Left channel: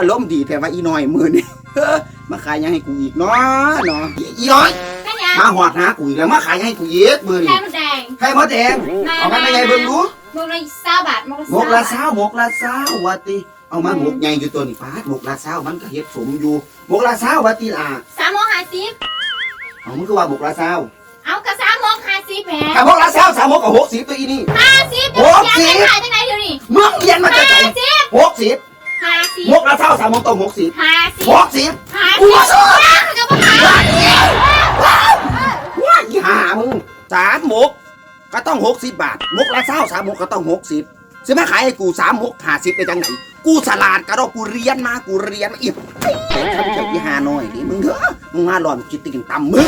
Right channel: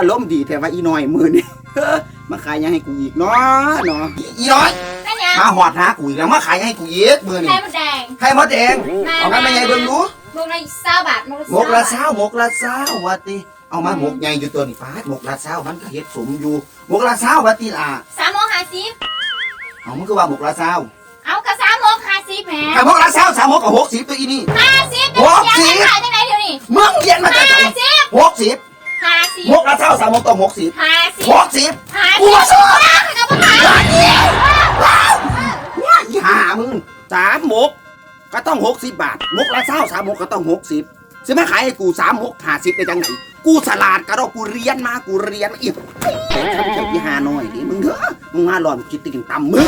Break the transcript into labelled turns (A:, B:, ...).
A: อารมณ์ดีแต่ว่าอีน้อยมือนี่เออมาขายยังให้กูอีกเนาะเนาะอีน้อย
B: เป็นยัง
A: มาหอดหากูอีกแล้วมาขายให้กูอีกมือ
B: ไข่
A: นี่
B: มดแดง
A: ให้มดแดงเอามาไม่ไงเบิ่งดู
B: มกละเศร้าบาทมก
A: หมก
B: ละ
A: ละเช้าหมกละเช้าวัติเอามาหมกใหญ่อยู่ตัวนี่ป้าดหมกละเช้ามันก็เฮ็ดสมอยู่หมกละเช้าวัติล่ะ
B: สามโมงห้าสิบ
A: เอามันก็ว่าหมกละเช้า
B: เอากระสามโมงห้าสิบแหม
A: ถ้าหมกละเช้าสามหมกกับหกสิบตัวอีนี่
B: ห้าสิบ
A: หก สิบหกสิบ
B: ห้าสิบ
A: หมกละเช้าสามหมกต้องหกสิบ
B: ห้าสิบ
A: หกสิบ
B: ห้า
A: กู
B: สิบ
A: ว่าสอน
B: ก็บ่ขาย
A: ว่าอีห่ามึงสามหมกก็ต้องหกสิบบาทหมกละเช้าสามหมกก็ต้องหกสิบซื้อมาขายให้กูสามหกห้าสิบได้จังไหนกูสลาดกระดอกกูเรียนมากูเรียนมาอีกทำเจ้าอีห่าน้อยนี่มึงเถอะมึงมาหลอนคิดติ่งต่ำมึง